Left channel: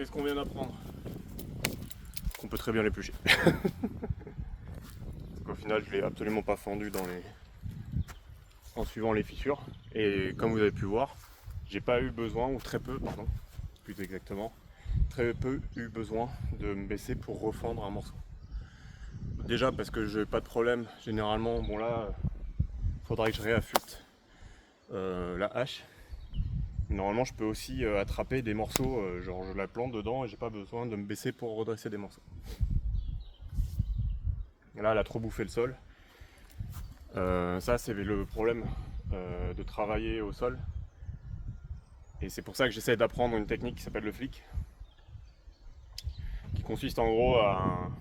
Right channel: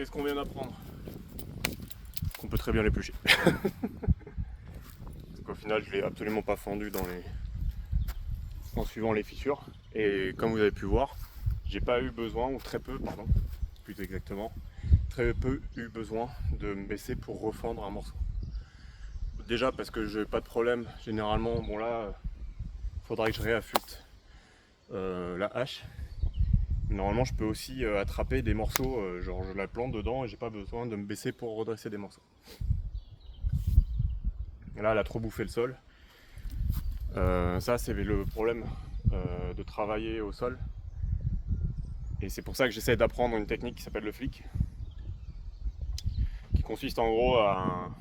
Qu'est-ce qu'on vient d'apprendre? Qu'on peut très bien l'éplucher. Au final, je l'ai absolument pas fendu en suivant les fissures. Et comme vous avez pu voir, j'ai pas eu besoin, ou très peu, pardon, plus exactement, très peu eu besoin de me baisser pour refendre un morceau. Déjà parce que j'ai pas de problème, généralement, bon là, faudra que je réaffûte la hache. Mais normalement, je peux aussi attraper des morceaux, genre je la plante dedans et j'ai pas besoin de me baisser pour redresser des morceaux. Et là, elle a trop bouffé le sol. Ça, c'est le problème de travailler au sol. Et c'est pour ça que j'essaie d'apprendre une technique qui s'appelle le flic, qui consiste en gros à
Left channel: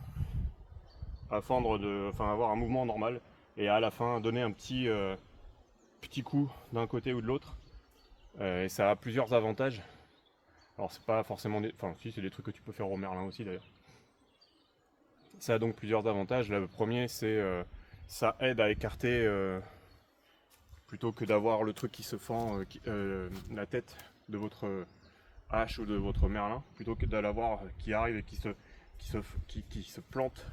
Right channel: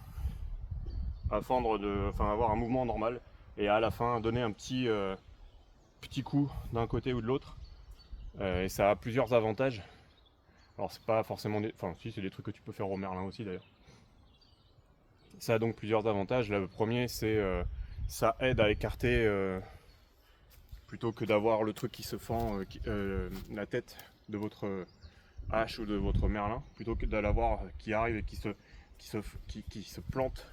fendre, avoir un mouvement normal et à la fin donner un petit coup d'un côté ou de l'autre. Et ça a plusieurs avantages. Alors c'est pas forcément des... Enfin si, c'est des trucs que tu peux faire au merlin aussi d'ailleurs. Ça a donc plusieurs avantages. Là, le premier, c'est ça aide à écarter plutôt que d'avoir le truc qui se fend la tête de votre hache ou de votre merlin, plutôt que de l'avoir qui arrive et qui se plante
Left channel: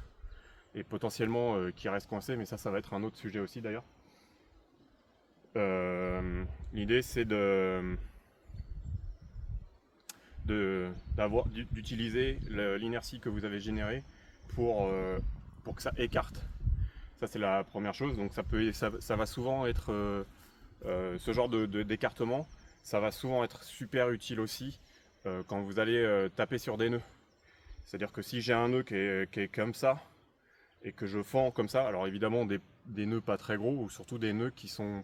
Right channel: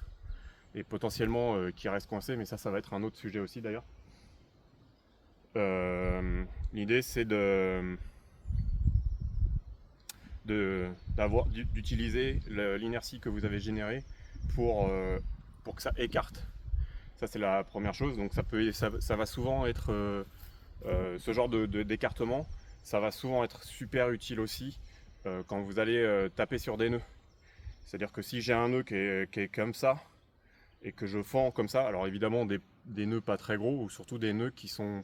et potentiellement qui reste coincé, mais ça va être un autre sujet aussi d'ailleurs. L'idée c'est d'utiliser l'inertie que vous avez générée pour que ça écarte. Ça c'est la première chose, donc ça va souvent être ce genre d'écartement, ça va souvent être super utile aussi quand vous allez taper sur des nœuds. C'est-à-dire que si j'ai un nœud qui est comme ça, et que je fends comme ça, alors évidemment des nœuds pas très gros, ou surtout des nœuds qui sont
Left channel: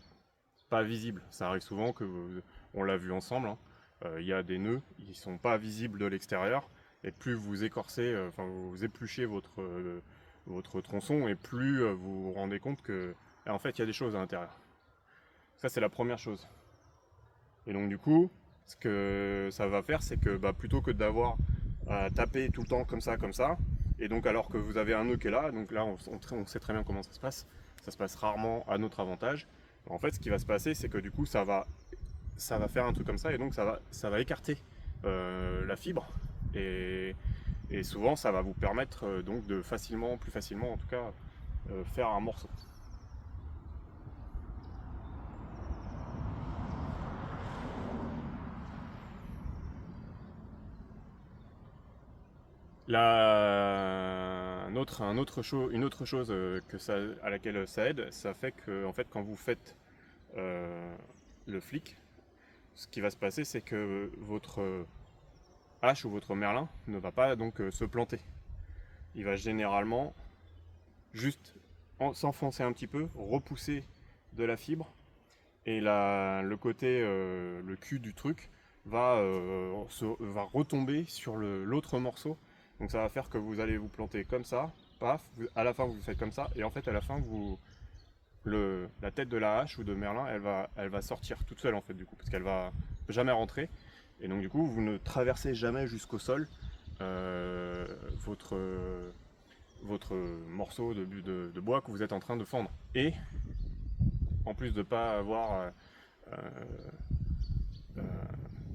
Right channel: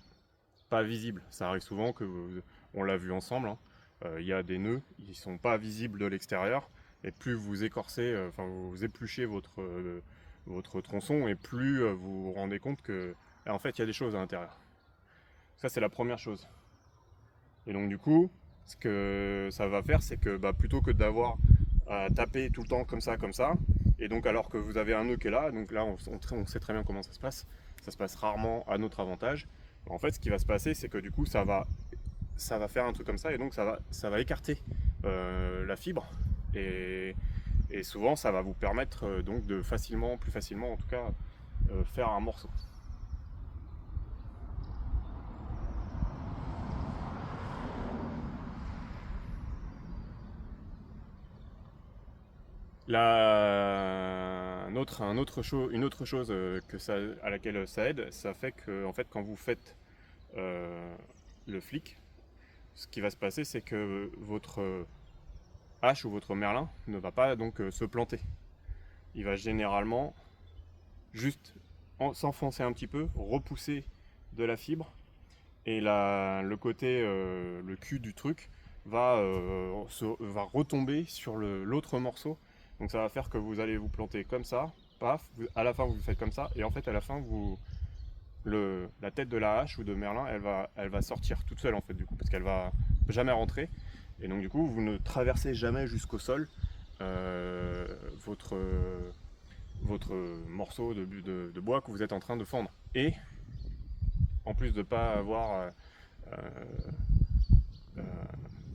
pas visibles. Ça arrive souvent on l'a vu ensemble, hein. Il y a des nœuds, ils sont pas visibles de l'extérieur, et plus vous écorcez, vous épluchez votre tronçon, et plus vous vous rendez compte que en fait il y a des choses à l'intérieur. Ça c'est la première chose. Et donc du coup, ce que ça va faire, c'est que plutôt que d'avoir à taper tout le temps comme ça, et donc alors que vous avez un nœud qui est là, donc là on sait très bien comment ça se passe rarement à notre avantage. En fait, ce qui va se passer, c'est que du coup ça va faire un truc comme ça, et donc ça va écarter la fibre, et souvent ça va vous permettre donc de plus facilement en tout cas, faire un morceau. Une autre chose à laquelle ça aide, ça fait que en fait, quand vous faites le flic, ce qui va se passer, c'est que votre hache ou votre merlin ne va pas donc se planter. Il va généralement juste s'enfoncer un petit peu, repousser de la fibre, et le cul du truc va retomber sur l'autre morceau. Donc ça va faire que vous allez vous planter comme ça, paf, à la fin vous faites comme ça, et en fait à la fin la tête de la hache ou de merlin, elle va sortir toute seule en fait du coup, parce qu'elle va jamais rentrer, et donc du coup vous ne traversez jamais jusqu'au sol votre morceau de bois que vous êtes en train de fendre. Et en plus de ne pas avoir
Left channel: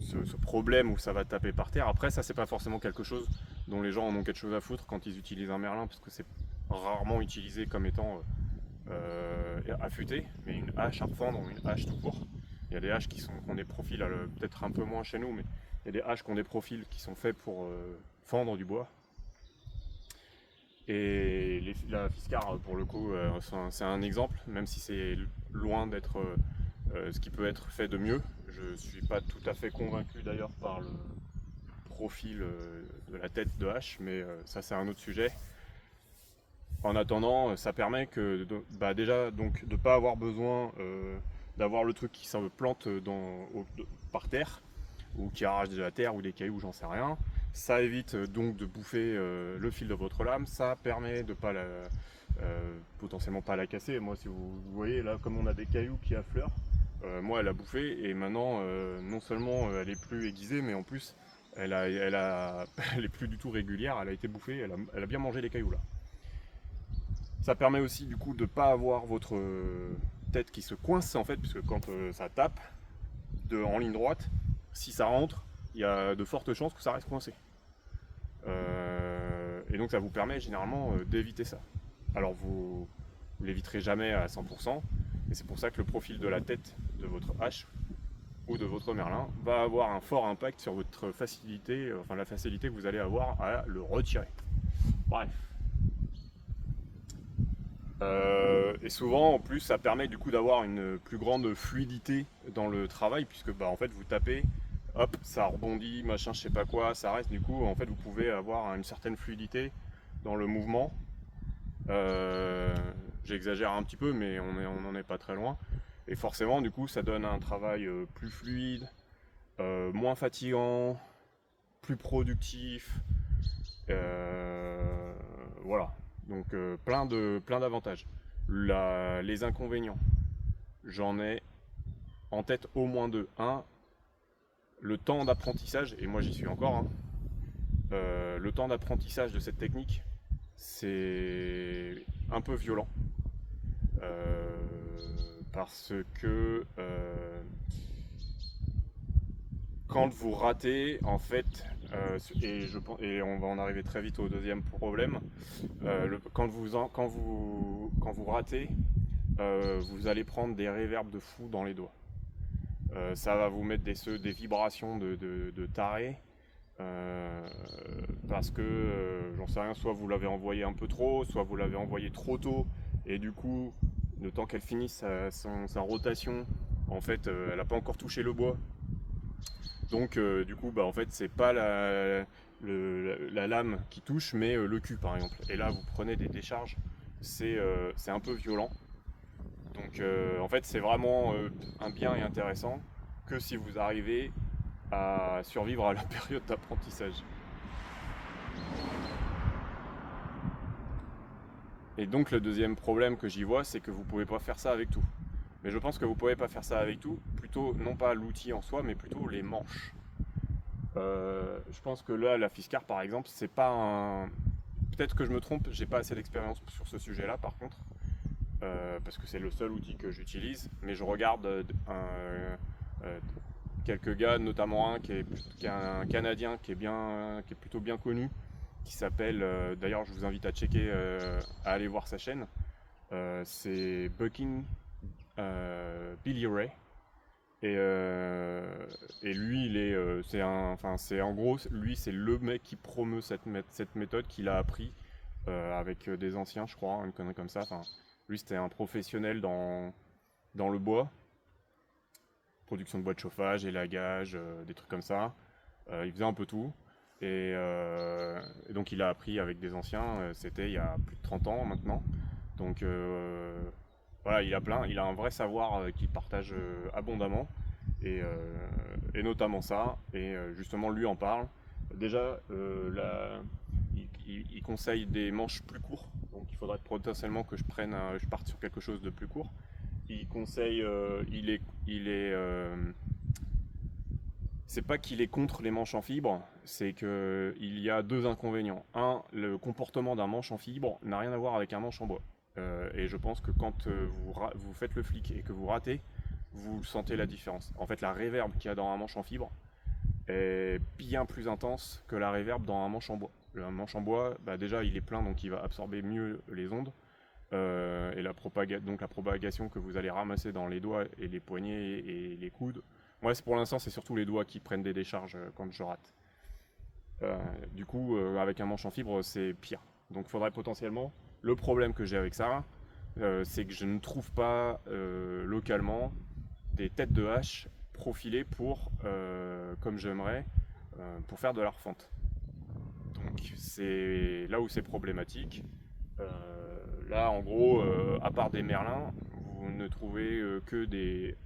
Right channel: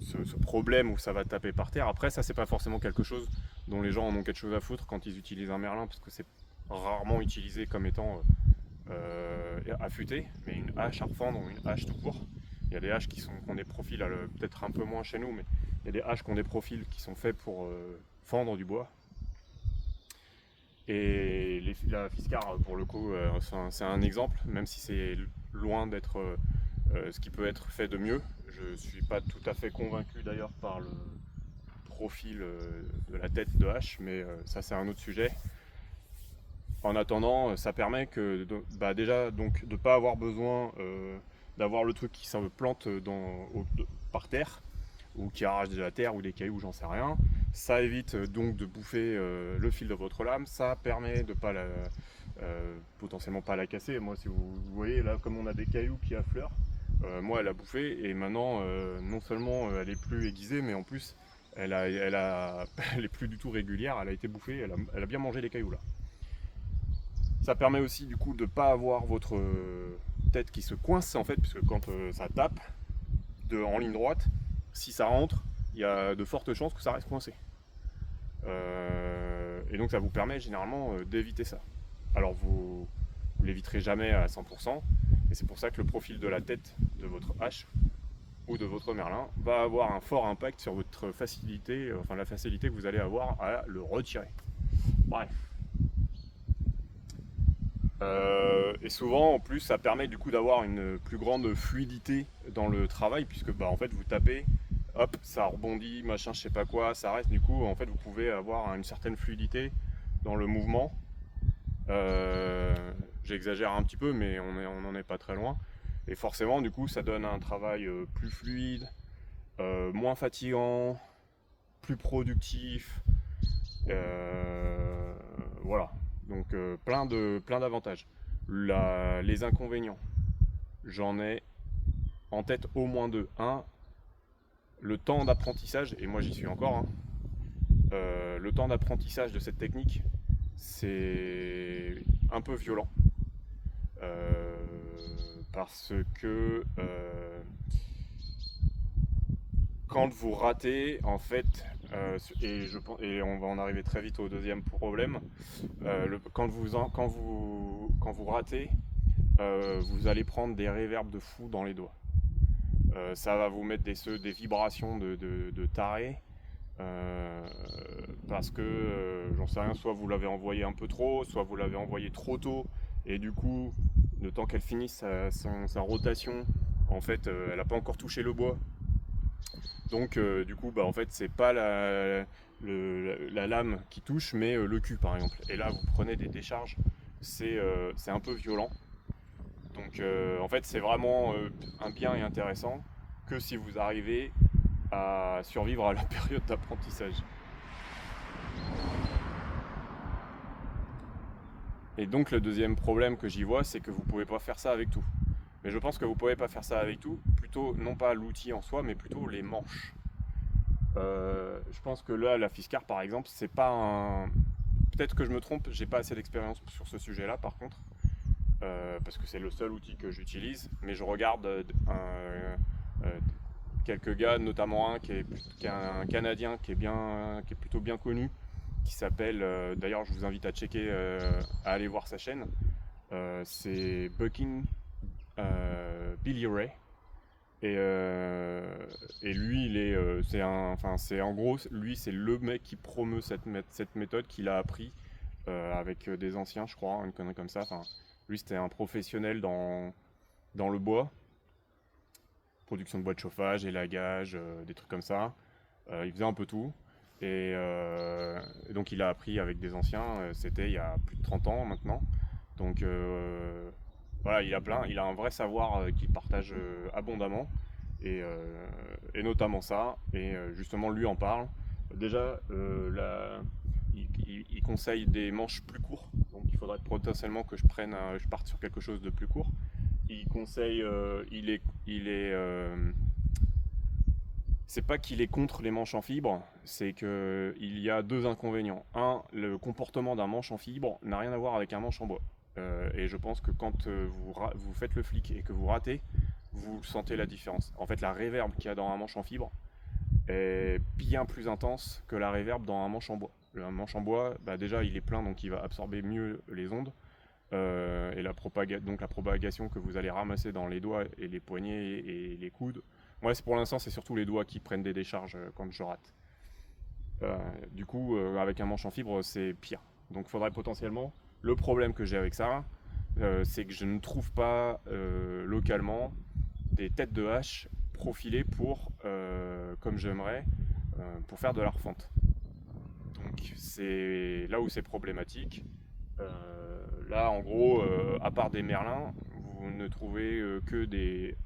ce problème où ça va taper par terre, après ça c'est pas forcément quelque chose dont les gens en ont quelque chose à foutre quand ils utilisent un merlin, parce que c'est rarement utilisé comme étant affûté, mais une hache à refendre ou une hache tout court. Il y a des haches qui ont des profils, peut-être un peu moins chez nous, mais il y a des haches qui ont des profils qui sont faits pour fendre du bois. Et la Fiskar, pour le coup, c'est un exemple, même si c'est loin d'être ce qui peut être fait de mieux. Je ne suis pas tout à fait convaincu d'ailleurs par le profil de la tête de hache, mais ça c'est un autre sujet. En attendant, ça permet déjà donc, de ne pas avoir besoin d'avoir le truc qui se plante par terre, ou qui arrache de la terre ou des cailloux, j'en sais rien. Ça évite donc de bouffer le fil de votre lame, ça permet de pas potentiellement pas la casser. Moi, si vous voyez là, comme on a des cailloux qui affleurent, moi elle a bouffé, et maintenant non seulement elle est plus aiguisée, mais en plus elle est plus du tout régulière, elle a été bouffée, elle a bien mangé les cailloux là. Ça permet aussi du coup de ne pas avoir votre tête qui se coince en fait, puisque quand ça tape en ligne droite, si ça rentre, il y a de fortes chances que ça reste coincé. Et donc ça vous permet généralement d'éviter ça. Alors vous l'éviterez jamais à 100%, et c'est pour ça que le profil de la tête de votre hache ou de votre merlin va avoir un fort impact sur votre facilité, enfin la facilité que vous allez avoir à le retirer. Bref. Et souvent en plus ça permet du coup d'avoir une plus grande fluidité dans le travail, puisque en fait vous tapez, hop, ça rebondit, machin, je sais pas quoi, ça reste, du coup en fait vous pouvez avoir une certaine fluidité dans le mouvement. J'exagère un petit peu, mais on n'en est pas très loin. Et forcément du coup ça donne un travail plus fluide, moins fatigant, plus productif. Voilà, donc plein d'avantages. Les inconvénients, j'en ai en tête au moins deux. Un, le temps d'apprentissage, et moi j'y suis encore, hein. Le temps d'apprentissage de cette technique, c'est un peu violent. Euh, Parce que quand vous ratez, en fait, et on va en arriver très vite au deuxième problème, quand vous ratez, vous allez prendre des réverbes de fou dans les doigts. Ça va vous mettre des vibrations de taré. Parce que, j'en sais rien, soit vous l'avez envoyé un peu trop, soit vous l'avez envoyé trop tôt, et du coup, le temps qu'elle finisse sa rotation, en fait, elle n'a pas encore touché le bois. Donc, du coup, en fait, c'est pas la lame qui touche, mais le cul, par exemple. Et là, vous prenez des décharges, c'est un peu violent. Donc, en fait, c'est vraiment un bien et intéressant que si vous arrivez à survivre à la période d'apprentissage. Et donc le deuxième problème que j'y vois, c'est que vous ne pouvez pas faire ça avec tout. Mais je pense que vous ne pouvez pas faire ça avec tout, plutôt non pas l'outil en soi, mais plutôt les manches. Je pense que là, la Fiskar par exemple, c'est pas un. Peut-être que je me trompe, j'ai pas assez d'expérience sur ce sujet-là par contre, parce que c'est le seul outil que j'utilise. Mais je regarde quelques gars, notamment un qui est un Canadien qui est plutôt bien connu, qui s'appelle, d'ailleurs je vous invite à checker, à aller voir sa chaîne, c'est Bucking Billy Ray. Et lui, c'est en gros, lui c'est le mec qui promeut cette méthode qu'il a appris avec des anciens, je crois, une connerie comme ça. Enfin, lui c'était un professionnel dans le bois, production de bois de chauffage, élagage, des trucs comme ça. Il faisait un peu tout. Et donc il a appris avec des anciens, c'était il y a plus de 30 ans maintenant. Donc voilà, il a un vrai savoir qu'il partage abondamment. Et notamment ça, et justement lui en parle. Déjà, il conseille des manches plus courts, donc il faudrait potentiellement que je parte sur quelque chose de plus court. Il conseille, c'est pas qu'il est contre les manches en fibre, c'est qu'il y a deux inconvénients. Un, le comportement d'un manche en fibre n'a rien à voir avec un manche en bois. Et je pense que quand vous faites le flic et que vous ratez, vous sentez la différence. En fait, la réverb qu'il y a dans un manche en fibre est bien plus intense que la réverb dans un manche en bois. Le manche en bois, déjà il est plein, donc il va absorber mieux les ondes. Et donc la propagation que vous allez ramasser dans les doigts et les poignets et les coudes. Moi, pour l'instant, c'est surtout les doigts qui prennent des décharges quand je rate. Du coup, avec un manche en fibre, c'est pire. Donc, il faudrait potentiellement. Le problème que j'ai avec ça, c'est que je ne trouve pas localement des têtes de hache profilées comme j'aimerais, pour faire de la refonte. Donc, c'est là où c'est problématique. Là, en gros, à part des merlins, vous ne trouvez que des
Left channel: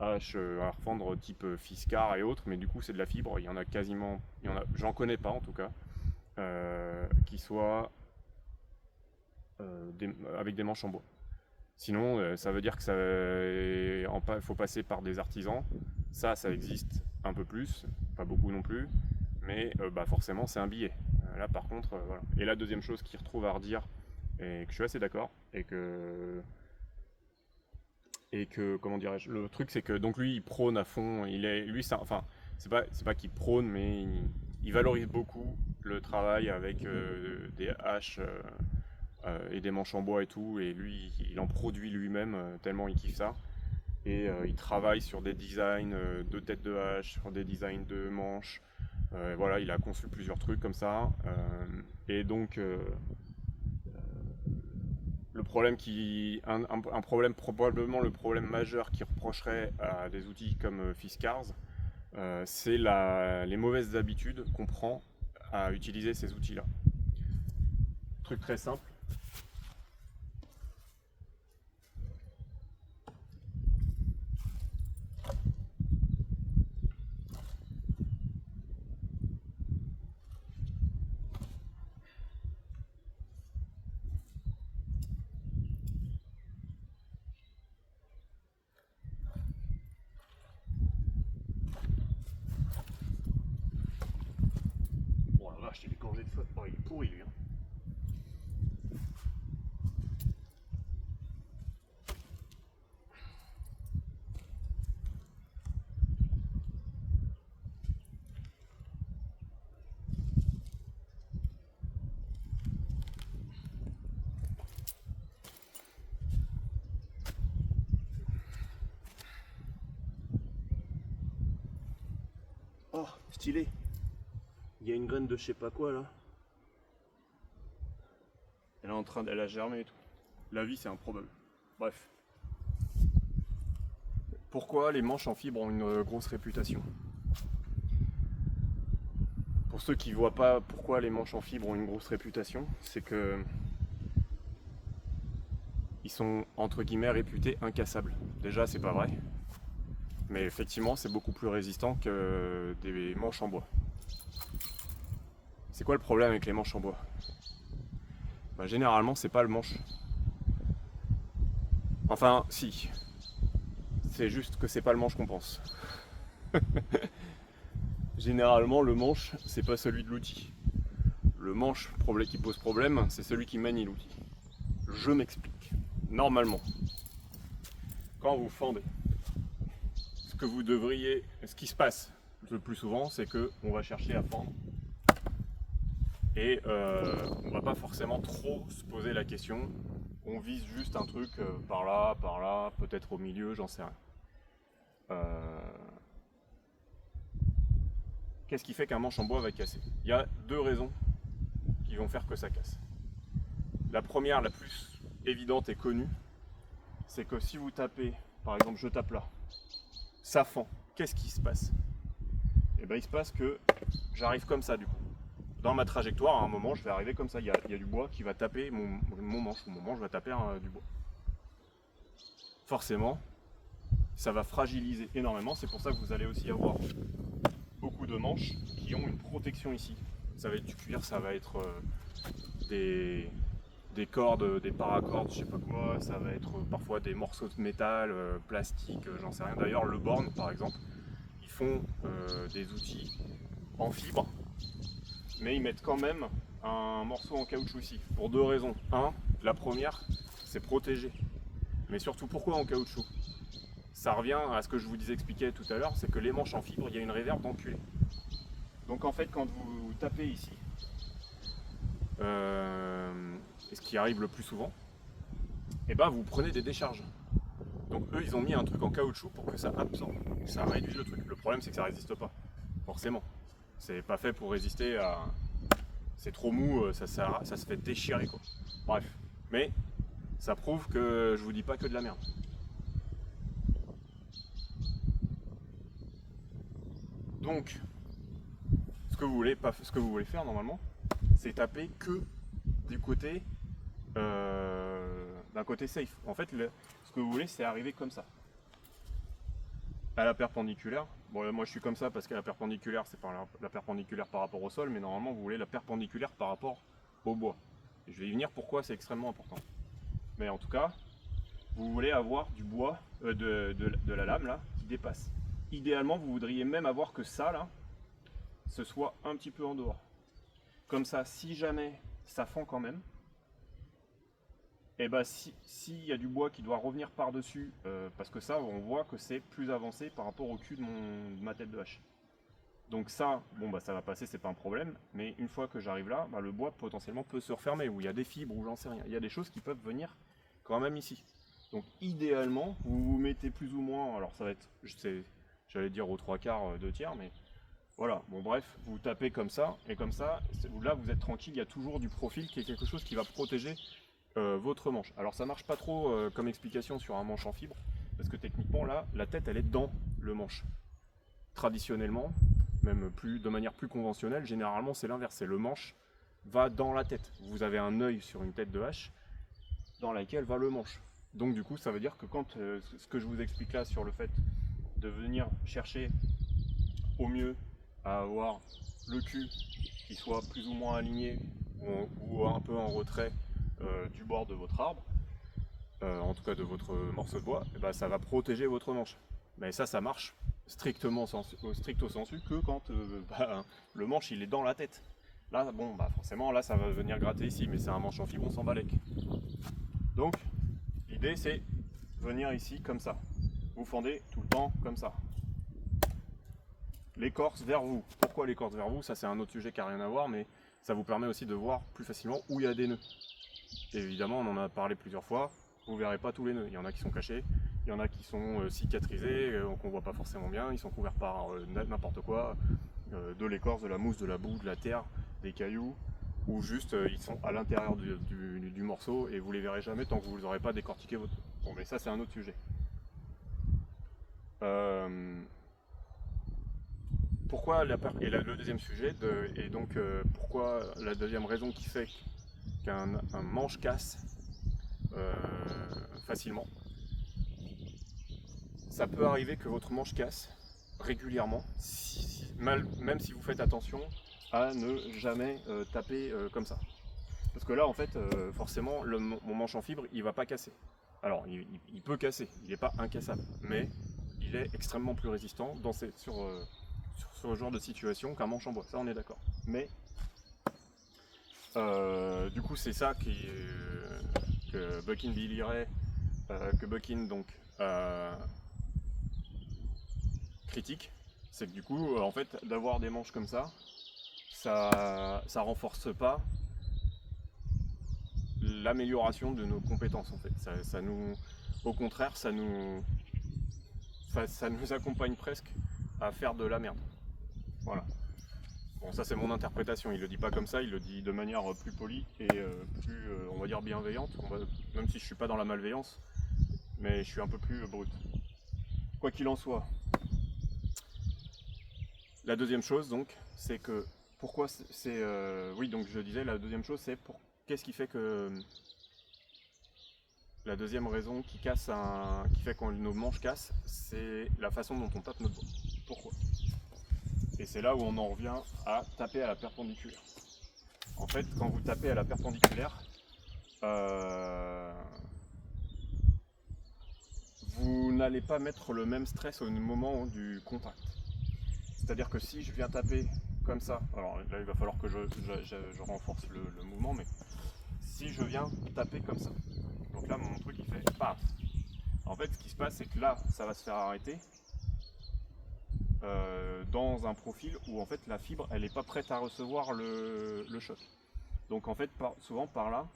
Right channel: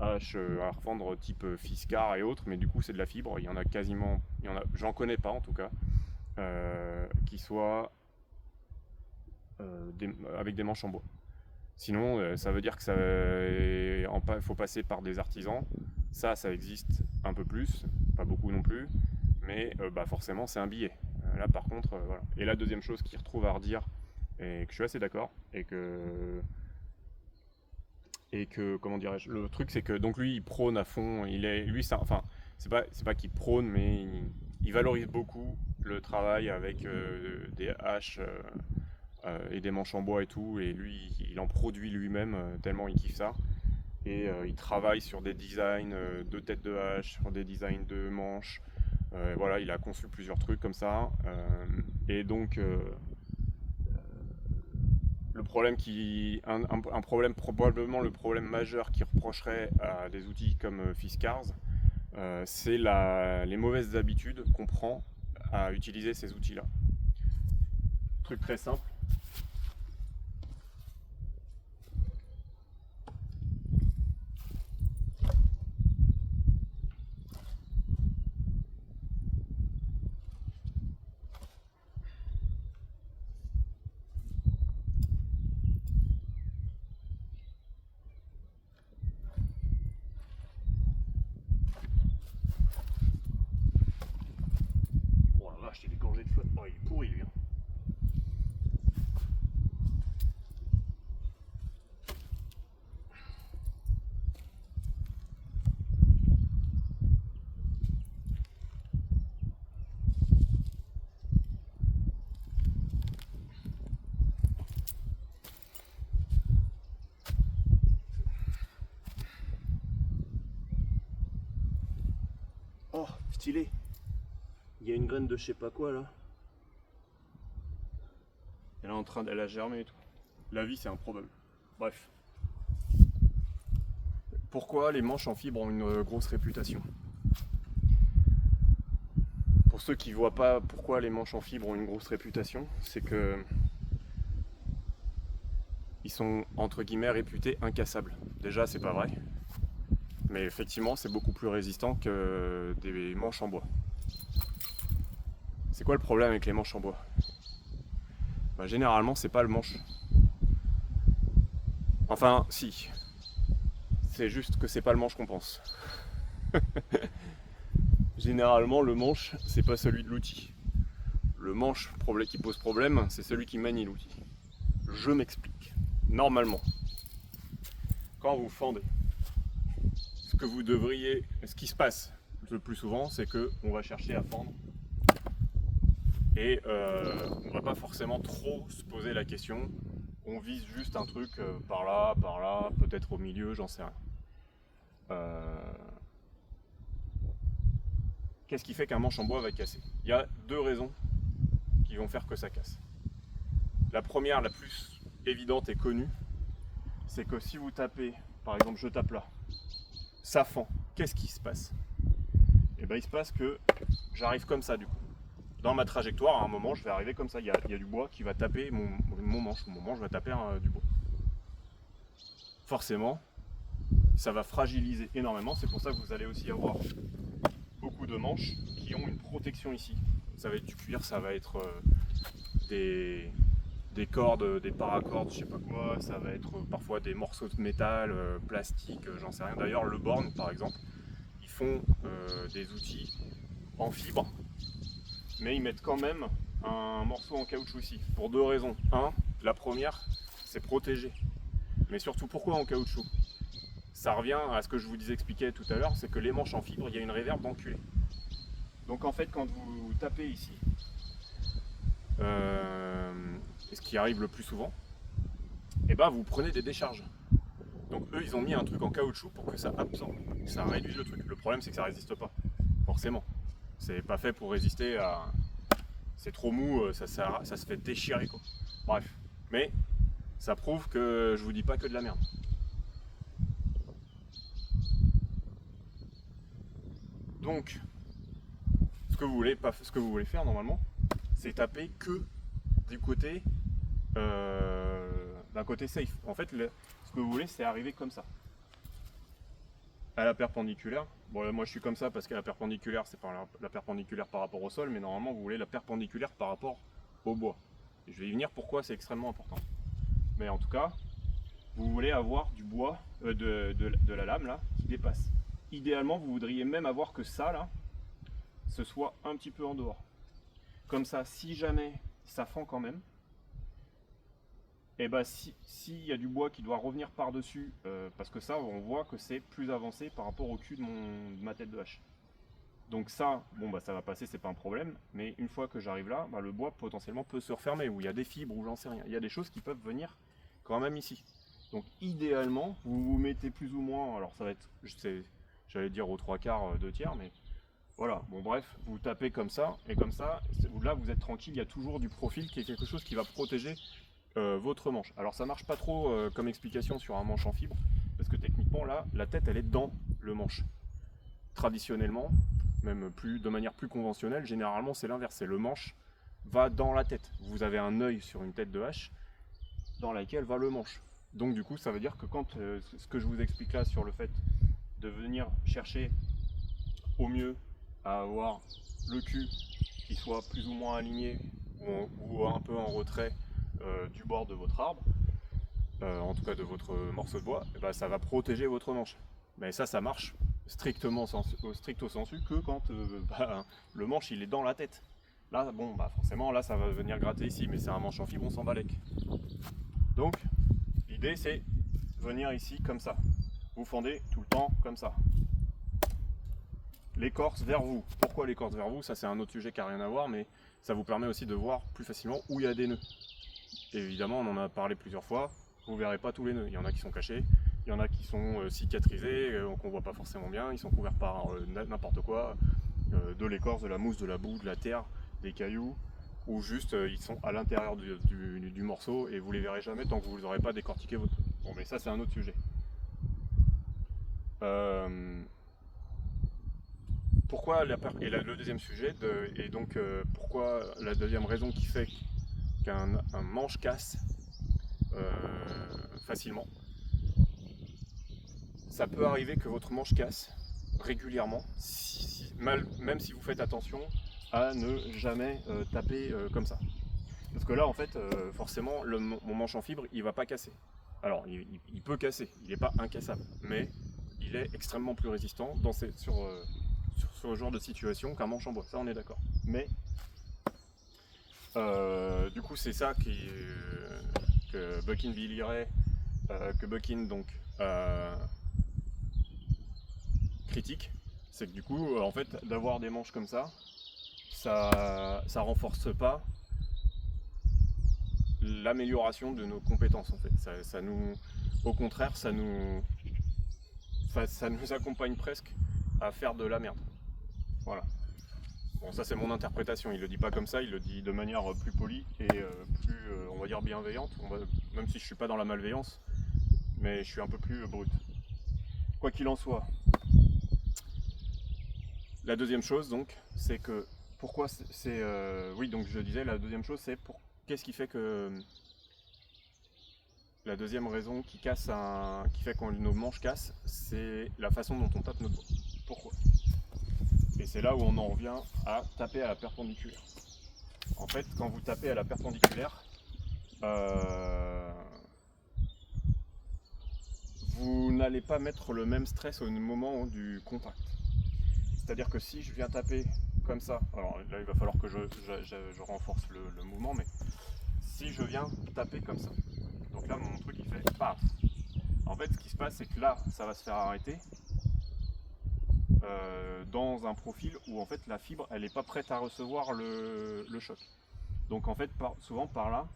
haches à refendre type Fiskar et autres, mais du coup, c'est de la fibre. Il y en a quasiment, j'en connais pas en tout cas, qui soient avec des manches en bois. Sinon, ça veut dire que faut passer par des artisans. Ça existe un peu plus, pas beaucoup non plus, mais forcément, c'est un billet. Là, par contre, voilà. Et la deuxième chose qu'il retrouve à redire, et que je suis assez d'accord, et que comment dirais-je, le truc c'est que donc lui il prône à fond, c'est pas qu'il prône, mais il valorise beaucoup le travail avec des haches et des manches en bois et tout, et lui il en produit lui-même tellement il kiffe ça. Et il travaille sur des designs de têtes de hache, sur des designs de manches. Voilà, il a conçu plusieurs trucs comme ça. Et donc le problème un problème, probablement le problème majeur qui reprocherait à des outils comme Fiskars, c'est les mauvaises habitudes qu'on prend à utiliser ces outils-là. Truc très simple. Oh la vache, il est gorgé de flotte. Oh, il est pourri lui. Hein. Oh, stylé. Il y a une graine de je sais pas quoi là. Elle a germé et tout. La vie c'est improbable. Bref. Pourquoi les manches en fibre ont une grosse réputation? Pour ceux qui ne voient pas pourquoi les manches en fibre ont une grosse réputation, c'est que ils sont entre guillemets réputés incassables. Déjà c'est pas vrai, mais effectivement c'est beaucoup plus résistant que des manches en bois. C'est quoi le problème avec les manches en bois? Généralement c'est pas le manche. Enfin si, c'est juste que c'est pas le manche qu'on pense. Généralement le manche c'est pas celui de l'outil. Le manche qui pose problème c'est celui qui manie l'outil. Je m'explique. Normalement, quand vous fendez, ce qui se passe le plus souvent, c'est que on va chercher à fendre et on va pas forcément trop se poser la question. On vise juste un truc par là, peut-être au milieu, j'en sais rien. Qu'est-ce qui fait qu'un manche en bois va casser? Il y a deux raisons qui vont faire que ça casse. La première, la plus évidente et connue, c'est que si vous tapez, par exemple je tape là, ça fend, qu'est-ce qui se passe? Et bien il se passe que j'arrive comme ça du coup. Dans ma trajectoire, à un moment, je vais arriver comme ça, il y a du bois qui va taper mon manche, ou mon manche va taper du bois. Forcément, ça va fragiliser énormément, c'est pour ça que vous allez aussi avoir beaucoup de manches qui ont une protection ici. Ça va être du cuir, ça va être des cordes, des paracordes, je sais pas quoi, ça va être parfois des morceaux de métal, plastique, j'en sais rien. D'ailleurs, le Born par exemple, ils font des outils en fibre, mais ils mettent quand même un morceau en caoutchouc ici, pour deux raisons. La première, c'est protéger. Mais surtout, pourquoi en caoutchouc? Ça revient à ce que je vous expliquais tout à l'heure, c'est que les manches en fibre, il y a une réverbe d'enculé. Donc en fait, quand vous tapez ici, ce qui arrive le plus souvent, et vous prenez des décharges. Donc eux, ils ont mis un truc en caoutchouc pour que ça absorbe, que ça réduise le truc. Le problème, c'est que ça résiste pas, forcément. C'est pas fait pour résister à... C'est trop mou, ça se fait déchirer, quoi. Bref. Mais ça prouve que je vous dis pas que de la merde. Donc, ce que vous voulez faire normalement, c'est taper que du côté d'un côté safe. En fait, ce que vous voulez, c'est arriver comme ça, à la perpendiculaire. Bon, là, moi je suis comme ça parce que la perpendiculaire, c'est pas la perpendiculaire par rapport au sol, mais normalement vous voulez la perpendiculaire par rapport au bois. Et je vais y venir pourquoi c'est extrêmement important. Mais en tout cas, vous voulez avoir du bois, de la lame là, qui dépasse. Idéalement, vous voudriez même avoir que ça là, ce soit un petit peu en dehors. Comme ça, si jamais ça fend quand même, et s'il y a du bois qui doit revenir par-dessus, parce que ça, on voit que c'est plus avancé par rapport au cul de ma tête de hache. Donc ça, bon bah ça va passer, c'est pas un problème, mais une fois que j'arrive là, bah, le bois potentiellement peut se refermer, ou il y a des fibres, ou j'en sais rien. Il y a des choses qui peuvent venir quand même ici. Donc idéalement, vous vous mettez plus ou moins, alors ça va être, j'allais dire aux 3/4, 2/3, mais voilà, bon bref, vous tapez comme ça, et comme ça, là vous êtes tranquille, il y a toujours du profil qui est quelque chose qui va protéger votre manche. Alors ça marche pas trop comme explication sur un manche en fibre, parce que techniquement là, la tête elle est dans le manche. Traditionnellement, même plus de manière plus conventionnelle, généralement c'est l'inverse, c'est le manche va dans la tête. Vous avez un œil sur une tête de hache dans laquelle va le manche. Donc du coup ça veut dire que quand ce que je vous explique là sur le fait de venir chercher au mieux à avoir le cul qui soit plus ou moins aligné ou un peu en retrait du bord de votre arbre, en tout cas de votre morceau de bois, et ben, ça va protéger votre manche. Mais ça marche strictement au stricto sensu que quand bah, le manche il est dans la tête. Là, bon, bah forcément, là ça va venir gratter ici, mais c'est un manche en fibre, on s'en balèque. Donc, l'idée c'est venir ici comme ça. Vous fendez tout le temps comme ça. L'écorce vers vous. Pourquoi l'écorce vers vous? Ça c'est un autre sujet qui n'a rien à voir, mais ça vous permet aussi de voir plus facilement où il y a des nœuds. Et évidemment, on en a parlé plusieurs fois, vous ne verrez pas tous les nœuds. Il y en a qui sont cachés, il y en a qui sont cicatrisés, qu'on ne voit pas forcément bien, ils sont couverts par n'importe quoi, de l'écorce, de la mousse, de la boue, de la terre, des cailloux, ou juste ils sont à l'intérieur du morceau et vous les verrez jamais tant que vous n'aurez pas décortiqué votre... Bon mais ça c'est un autre sujet. Pourquoi le deuxième sujet, et donc pourquoi la deuxième raison qui fait qu'un manche casse facilement. Ça peut arriver que votre manche casse régulièrement, même si vous faites attention à ne jamais taper comme ça. Parce que là, en fait, forcément, mon manche en fibre, il va pas casser. Alors, il peut casser, il n'est pas incassable, mais il est extrêmement plus résistant sur ce genre de situation qu'un manche en bois. Ça, on est d'accord. Mais du coup, c'est ça que Bucking Billy Ray, que Bucking donc critique, c'est que du coup, en fait, d'avoir des manches comme ça renforce pas l'amélioration de nos compétences en fait. Au contraire, ça nous accompagne presque à faire de la merde. Voilà. Bon, ça c'est mon interprétation, il le dit pas comme ça, il le dit de manière plus polie et plus, on va dire, bienveillante, même si je suis pas dans la malveillance, mais je suis un peu plus brut. Quoi qu'il en soit, la deuxième chose donc, c'est que, pourquoi c'est... oui, donc je disais, la deuxième chose c'est qu'est-ce qui fait que... La deuxième raison qui fait que nos manches cassent, c'est la façon dont on tape notre bois. Pourquoi? Et c'est là où on en revient à taper à la perpendiculaire. En fait, quand vous tapez à la perpendiculaire, vous n'allez pas mettre le même stress au moment du contact. C'est-à-dire que si je viens taper comme ça, alors là il va falloir que je renforce le mouvement, mais si je viens taper comme ça, donc là mon truc il fait paf. En fait ce qui se passe c'est que là ça va se faire arrêter dans un profil où en fait la fibre elle n'est pas prête à recevoir le choc. Donc en fait souvent par là,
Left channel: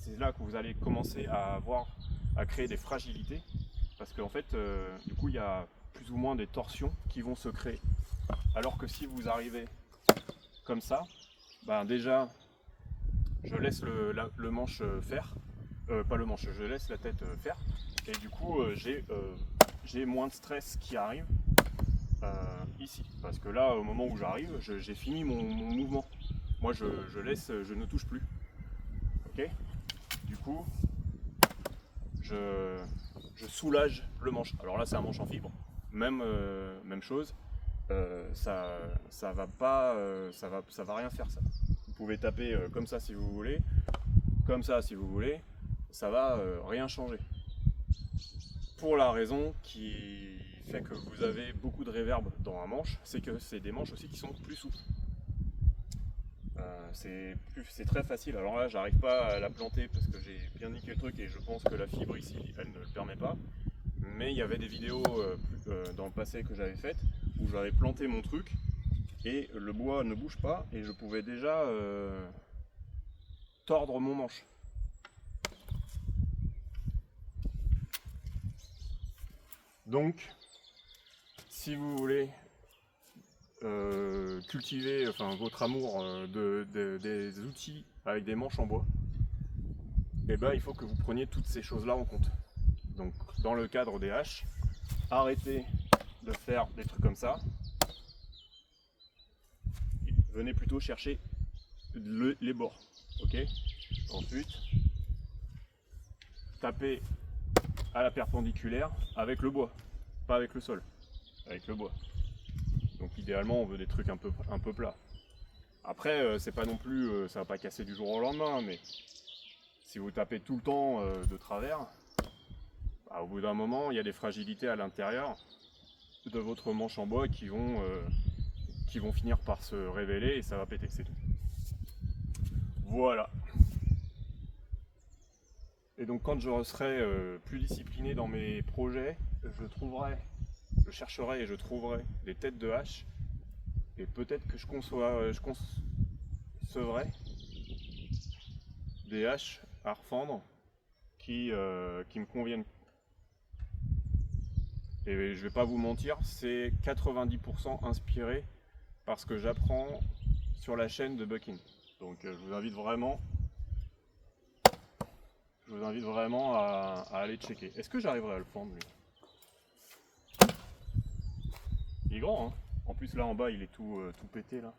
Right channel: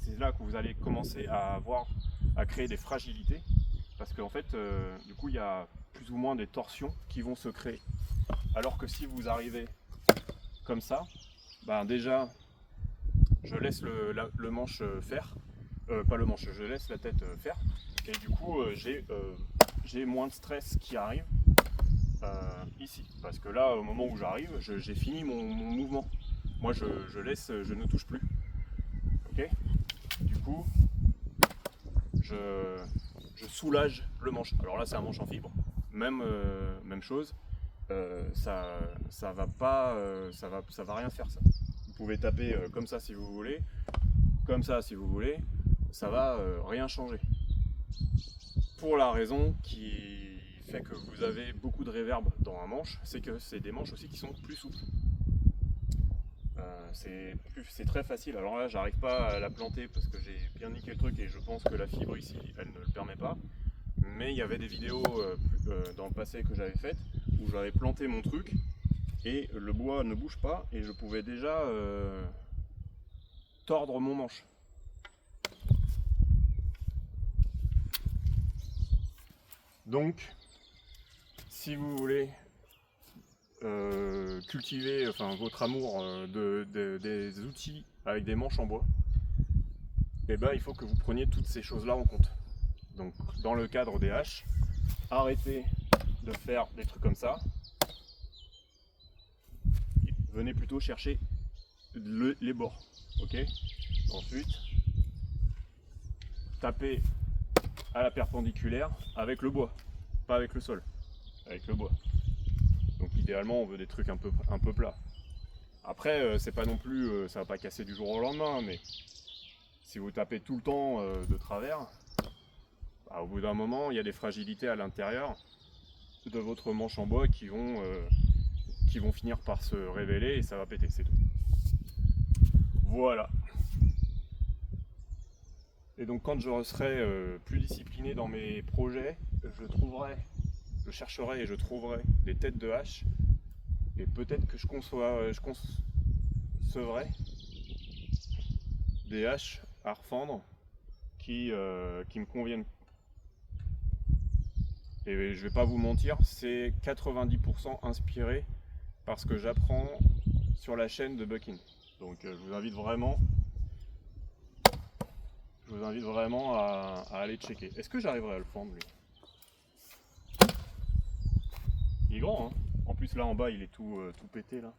c'est là que vous allez commencer à créer des fragilités, parce qu'en fait du coup il y a plus ou moins des torsions qui vont se créer. Alors que si vous arrivez comme ça, ben déjà je laisse le manche faire, pas le manche, je laisse la tête faire, et du coup j'ai moins de stress qui arrive ici, parce que là au moment où j'arrive, j'ai fini mon mouvement. Moi je laisse, je ne touche plus. Ok. Du coup je soulage le manche. Alors là c'est un manche en fibre, même chose. Ça va pas, ça va rien faire ça. Vous pouvez taper comme ça si vous voulez, comme ça si vous voulez, ça va rien changer. Pour la raison qui fait que vous avez beaucoup de réverb dans un manche, c'est que c'est des manches aussi qui sont plus souples. C'est très facile. Alors là, j'arrive pas à la planter parce que j'ai bien niqué le truc et je pense que la fibre ici, elle ne le permet pas. Mais il y avait des vidéos dans le passé que j'avais faites où j'avais planté mon truc et le bois ne bouge pas et je pouvais déjà tordre mon manche. Donc, si vous voulez cultiver votre amour des outils avec des manches en bois, et ben, il faut que vous preniez toutes ces choses-là en compte. Donc, dans le cadre des haches, arrêtez de faire des trucs comme ça. Venez plutôt chercher les bords. Ok. Ensuite, tapez à la perpendiculaire avec le bois, pas avec le sol, avec le bois. Donc idéalement, on veut des trucs un peu plats. Après, c'est pas non plus, ça va pas casser du jour au lendemain, mais si vous tapez tout le temps de travers, bah, au bout d'un moment, il y a des fragilités à l'intérieur de votre manche en bois qui vont finir par se révéler et ça va péter, c'est tout. Voilà. Et donc quand je serai plus discipliné dans mes projets, je chercherai et je trouverai des têtes de hache et peut-être que je concevrai des haches à refendre qui me conviennent. Et je vais pas vous mentir, c'est 90% inspiré par ce que j'apprends sur la chaîne de Bucking. Donc je vous invite vraiment à aller checker. Est-ce que j'arriverai à le fendre lui? Il est grand, hein. En plus là en bas il est tout pété là.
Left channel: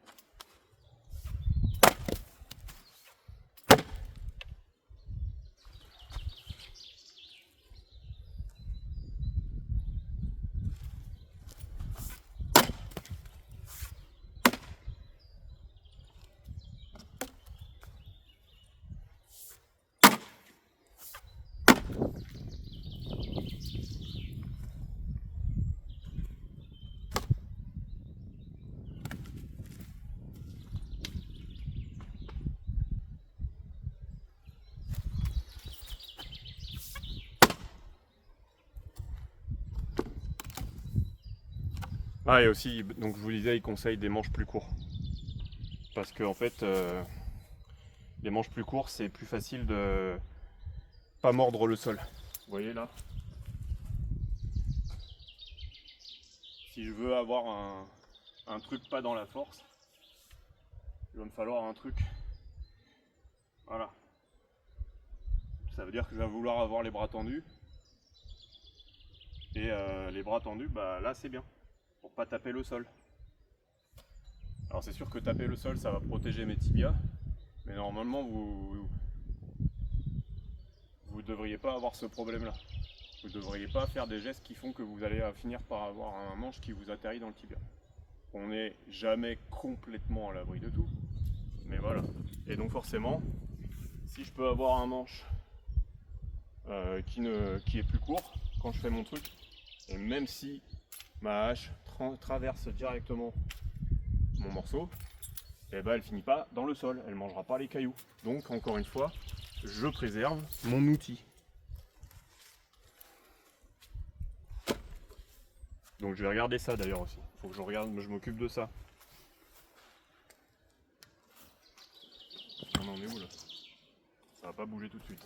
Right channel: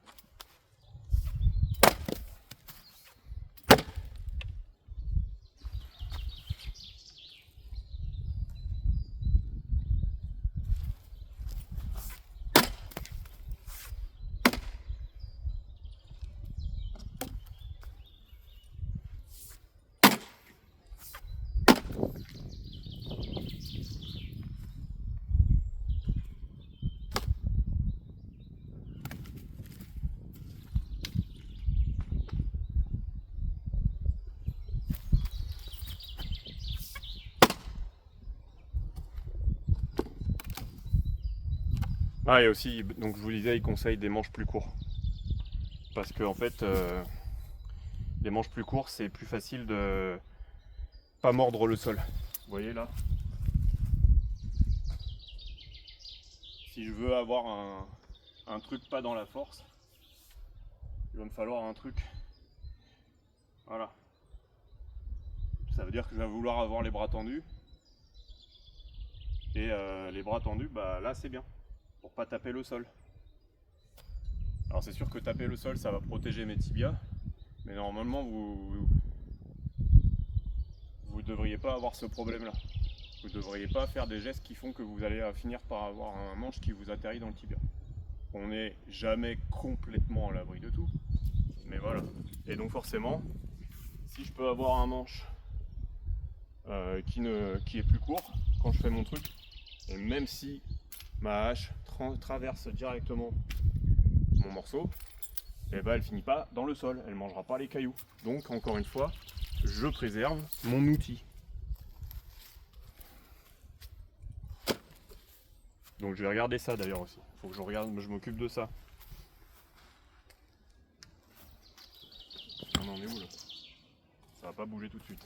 Ah et aussi, donc je vous disais, il conseille des manches plus courts. Parce que en fait, les manches plus courtes, c'est plus facile de pas mordre le sol. Vous voyez là? Si je veux avoir un truc pas dans la force, il va me falloir un truc. Voilà. Ça veut dire que je vais vouloir avoir les bras tendus. Et les bras tendus, bah là c'est bien. Pour pas taper le sol. Alors c'est sûr que taper le sol, ça va protéger mes tibias. Mais normalement, vous devriez pas avoir ce problème-là. Vous ne devriez pas faire des gestes qui font que vous allez finir par avoir un manche qui vous atterrit dans le tibia. On n'est jamais complètement à l'abri de tout. Mais voilà. Et donc forcément, si je peux avoir un manche qui est plus court quand je fais mon truc, et même si ma hache traverse directement mon morceau, et ben elle finit pas dans le sol, elle mangera pas les cailloux. Donc encore une fois, je préserve mon outil. Donc je vais regarder ça d'ailleurs aussi. Faut que je regarde, je m'occupe de ça. On en est où là? Ça va pas bouger tout de suite.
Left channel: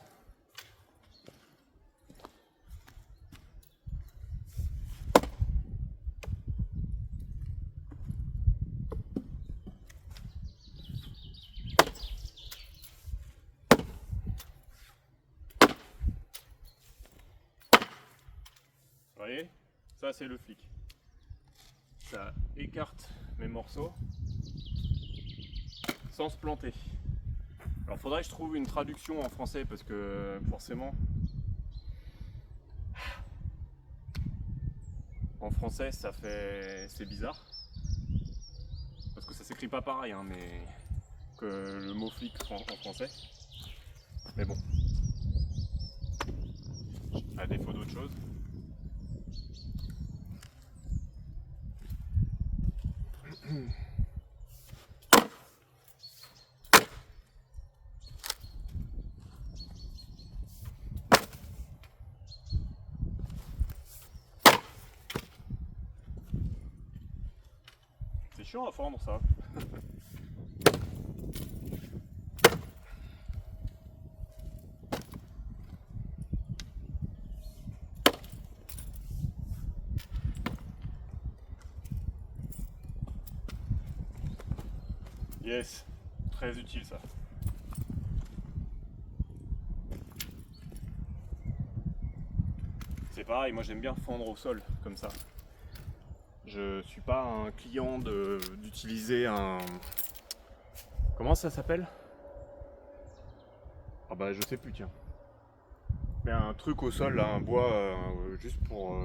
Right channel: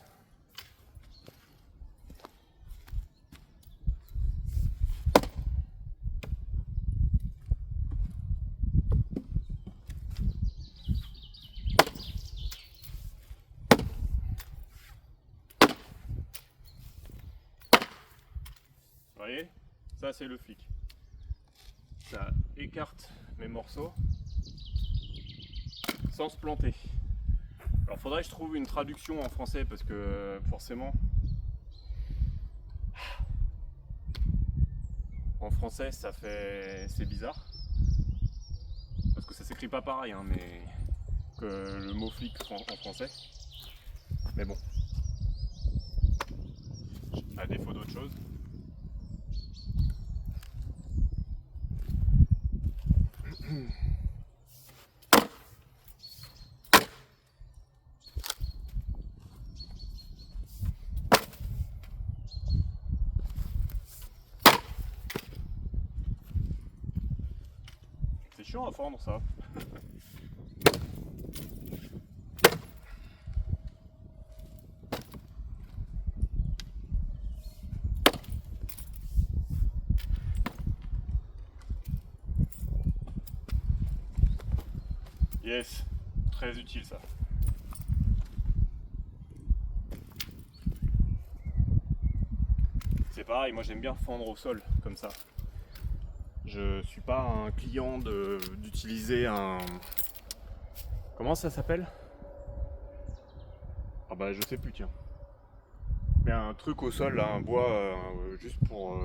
Vous voyez? Ça c'est le flic. Ça écarte mes morceaux sans se planter. Alors faudrait que je trouve une traduction en français parce que forcément en français c'est bizarre parce que ça s'écrit pas pareil hein, mais que le mot flic en français. Mais bon, à défaut d'autre chose. C'est chiant à fendre ça. Yes, très utile ça. C'est pareil, moi j'aime bien fendre au sol comme ça. Je suis pas un client d'utiliser un... Comment ça s'appelle? Ah bah je sais plus, tiens. Mais un truc au sol, là, un bois, juste pour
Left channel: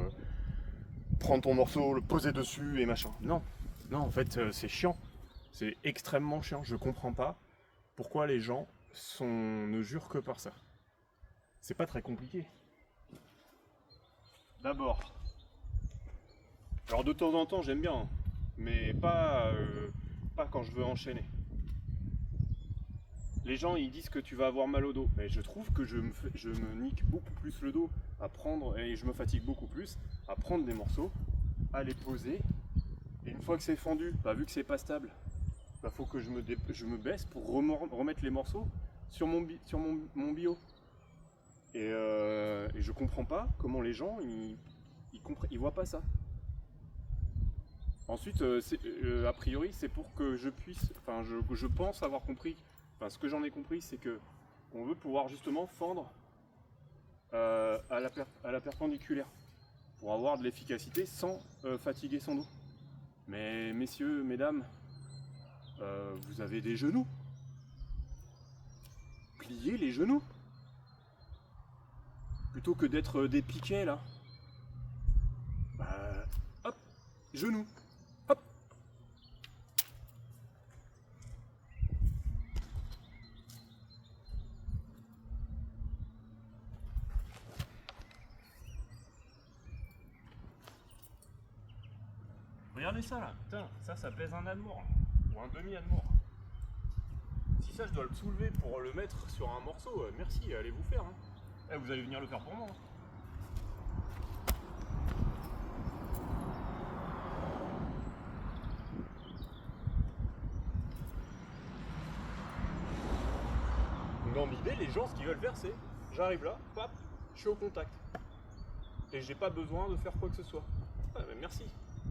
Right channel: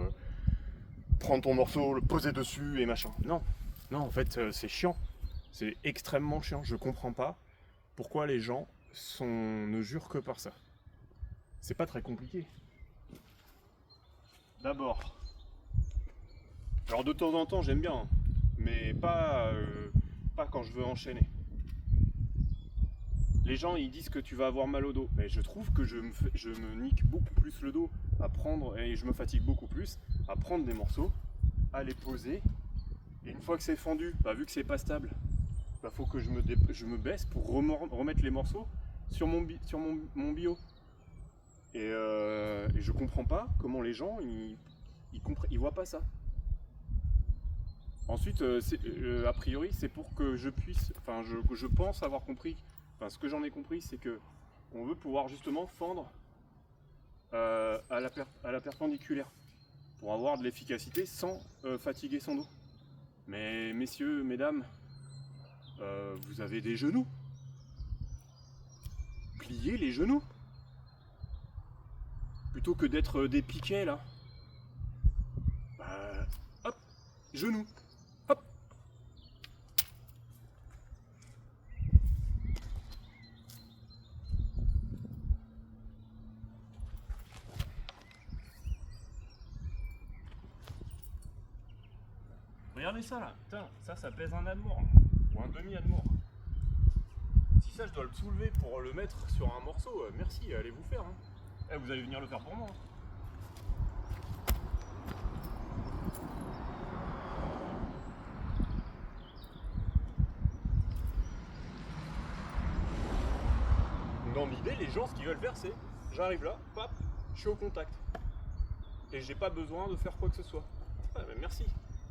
prendre ton morceau, le poser dessus et machin. Non, non, en fait c'est chiant. C'est extrêmement chiant. Je comprends pas pourquoi les gens ne jurent que par ça. C'est pas très compliqué. D'abord, alors de temps en temps j'aime bien, hein, mais pas quand je veux enchaîner. Les gens ils disent que tu vas avoir mal au dos, mais je trouve que je me nique beaucoup plus le dos à prendre, et je me fatigue beaucoup plus à prendre des morceaux, à les poser, et une fois que c'est fendu, bah, vu que c'est pas stable, bah, faut que je me baisse pour remettre les morceaux sur mon bio. Et je comprends pas comment les gens ils voient pas ça. Ensuite, a priori, c'est pour que je puisse, enfin, je pense avoir compris, enfin, ce que j'en ai compris, c'est que on veut pouvoir justement fendre à la perpendiculaire pour avoir de l'efficacité sans fatiguer son dos. Mais messieurs, mesdames, vous avez des genoux. Pliez les genoux plutôt que d'être des piquets là. Bah, hop, genoux. Hop. Regardez ça là, putain, ça pèse un amour, ou un demi-amour. Si ça je dois le soulever pour le mettre sur un morceau, merci, allez vous faire. Hein. Eh, vous allez venir le faire pour moi. Hein. Dans l'idée, les gens ce qu'ils veulent faire c'est, j'arrive là, pap, je suis au contact. Et j'ai pas besoin de faire quoi que ce soit. Ah, mais merci.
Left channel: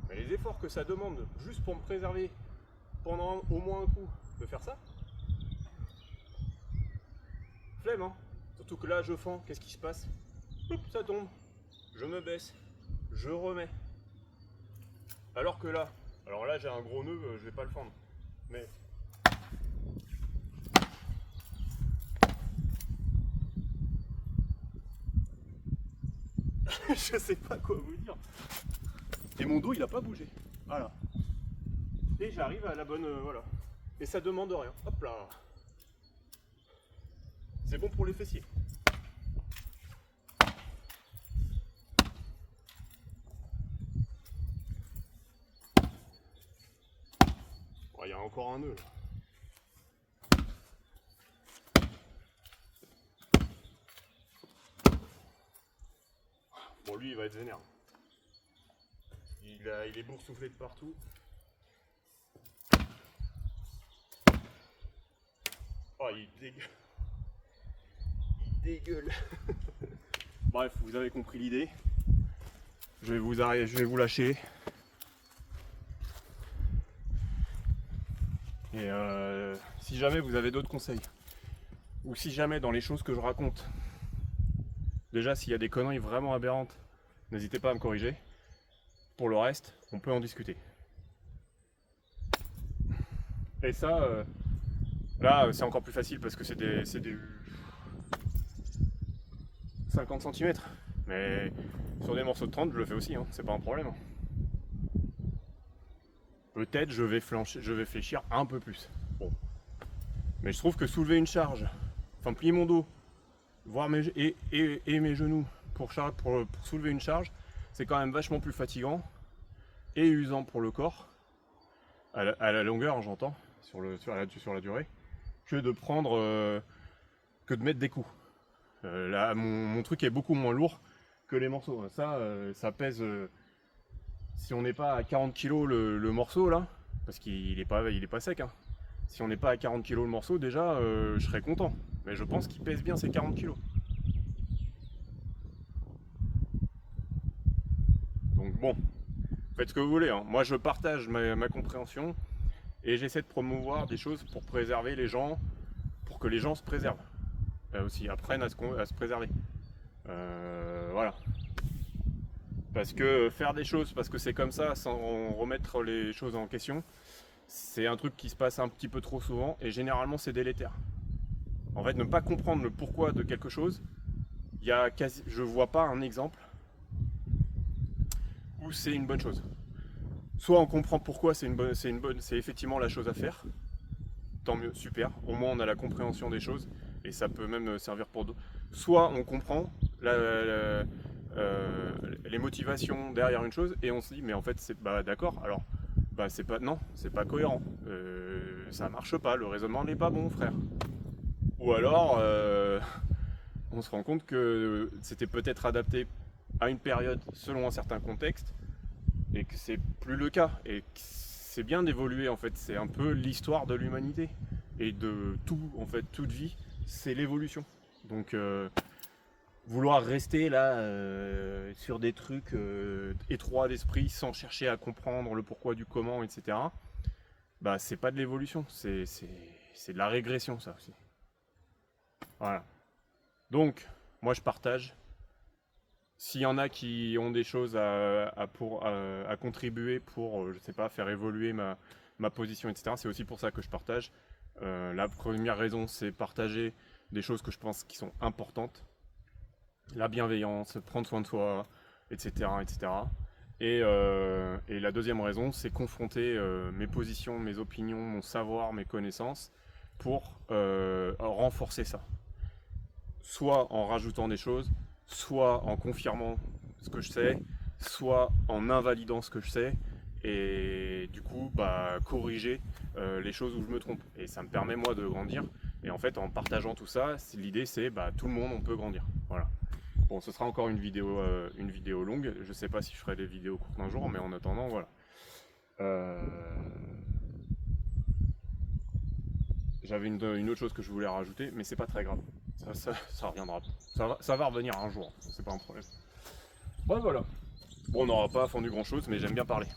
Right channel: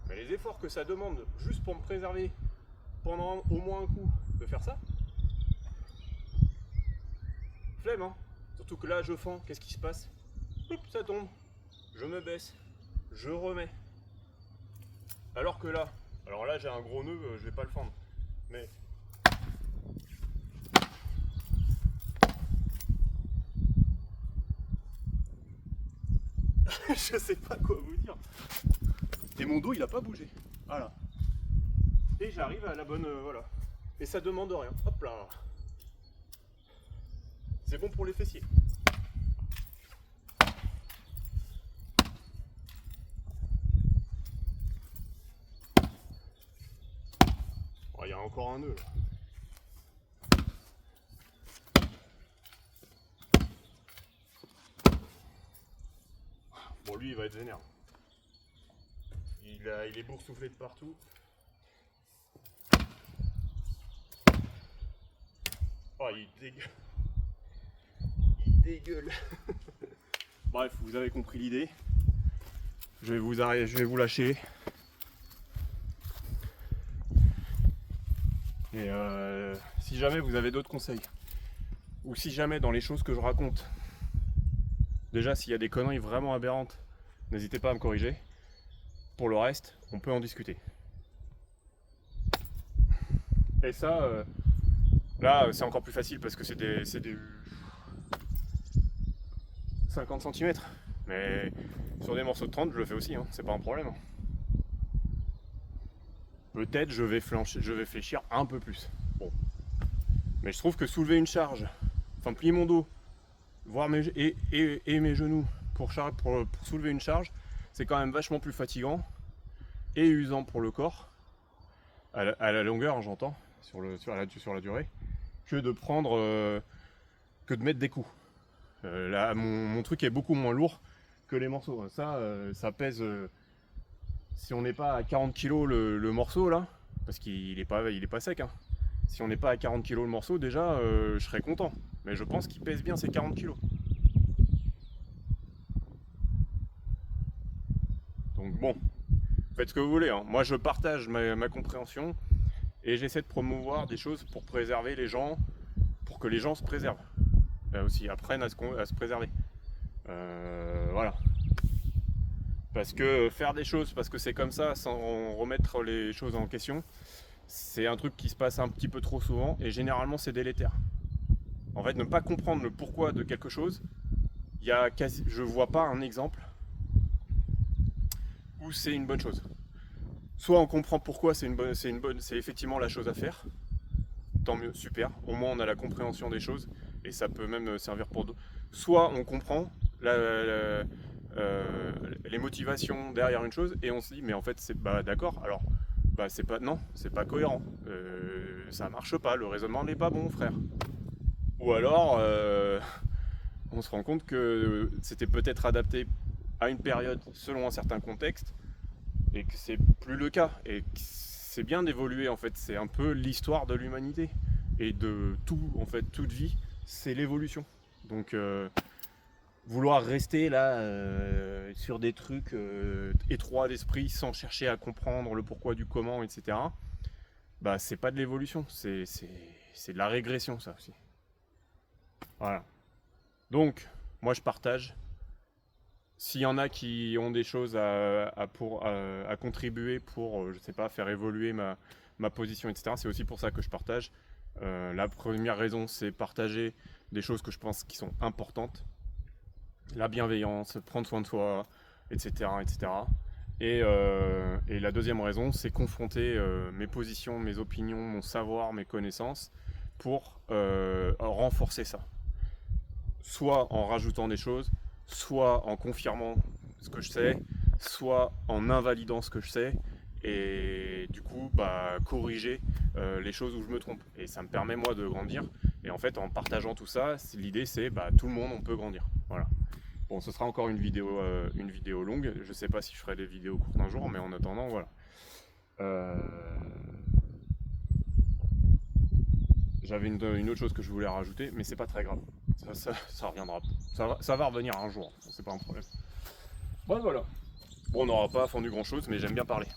Mais les efforts que ça demande juste pour me préserver pendant au moins un coup de faire ça, flemme hein. Surtout que là je fends, qu'est-ce qui se passe? Oups, ça tombe. Je me baisse, je remets. Alors que là, alors là j'ai un gros nœud, je vais pas le fendre. Mais je sais pas quoi vous dire. Et mon dos il a pas bougé. Voilà. Et j'arrive à la bonne. Voilà. Et ça demande rien. Hop là. C'est bon pour les fessiers. Oh, il y a encore un nœud là. Bon, lui il va être vénère. Il est boursouflé de partout. Oh, il dégueule. Il dégueule. Bref, vous avez compris l'idée. Je vais vous lâcher. Et si jamais vous avez d'autres conseils, ou si jamais dans les choses que je raconte, déjà s'il y a des conneries vraiment aberrantes, n'hésitez pas à me corriger. Pour le reste, on peut en discuter. Et ça, là c'est encore plus facile parce que c'est des 50 cm. Mais sur des morceaux de 30, je le fais aussi, hein, c'est pas un problème. Peut-être je vais fléchir un peu plus. Bon. Mais je trouve que soulever une charge, enfin plier mon dos, voir mes genoux pour soulever une charge, c'est quand même vachement plus fatigant et usant pour le corps, à la longueur, j'entends, sur la durée, que de mettre des coups. Là, mon truc est beaucoup moins lourd que les morceaux. Ça pèse, si on n'est pas à 40 kg le morceau là, parce qu'il est pas sec, hein. Si on n'est pas à 40 kg le morceau, déjà, je serais content. Mais je pense qu'il pèse bien ces 40 kg. Donc bon, faites ce que vous voulez, hein. Moi, je partage ma compréhension et j'essaie de promouvoir des choses pour préserver les gens, pour que les gens se préservent. Aussi, apprennent à se préserver. Voilà. Parce que faire des choses parce que c'est comme ça, sans remettre les choses en question, c'est un truc qui se passe un petit peu trop souvent et généralement c'est délétère. En fait, ne pas comprendre le pourquoi de quelque chose, je vois pas un exemple où c'est une bonne chose. Soit on comprend pourquoi c'est effectivement la chose à faire, tant mieux, super. Au moins on a la compréhension des choses et ça peut même servir pour d'autres. Soit on comprend les motivations derrière une chose et on se dit mais en fait c'est d'accord. Alors c'est pas cohérent. Ça marche pas. Le raisonnement n'est pas bon, frère. Ou alors on se rend compte que c'était peut-être adapté à une période selon un certain contexte et que c'est plus le cas et que c'est bien d'évoluer en fait, c'est un peu l'histoire de l'humanité et de tout en fait, toute vie, c'est l'évolution. Donc vouloir rester là sur des trucs étroits d'esprit sans chercher à comprendre le pourquoi du comment, etc. Bah c'est pas de l'évolution, c'est de la régression ça aussi. Voilà. Donc moi je partage. S'il y en a qui ont des choses à contribuer pour, je sais pas, faire évoluer ma position, etc., c'est aussi pour ça que je partage. La première raison, c'est partager des choses que je pense qui sont importantes. La bienveillance, prendre soin de soi, etc., etc. Et la deuxième raison, c'est confronter mes positions, mes opinions, mon savoir, mes connaissances pour renforcer ça. Soit en rajoutant des choses, soit en confirmant ce que je sais, soit en invalidant ce que je sais, et du coup corriger les choses où je me trompe. Et ça me permet moi de grandir. Et en fait en partageant tout ça, l'idée c'est tout le monde on peut grandir. Voilà. Bon, ce sera encore une vidéo longue. Je sais pas si je ferai des vidéos courtes un jour, mais en attendant, voilà. J'avais une autre chose que je voulais rajouter, mais c'est pas très grave. Ça reviendra. Ça va revenir un jour, c'est pas un problème. Bon, voilà. Bon, on n'aura pas fondu grand chose, mais j'aime bien parler.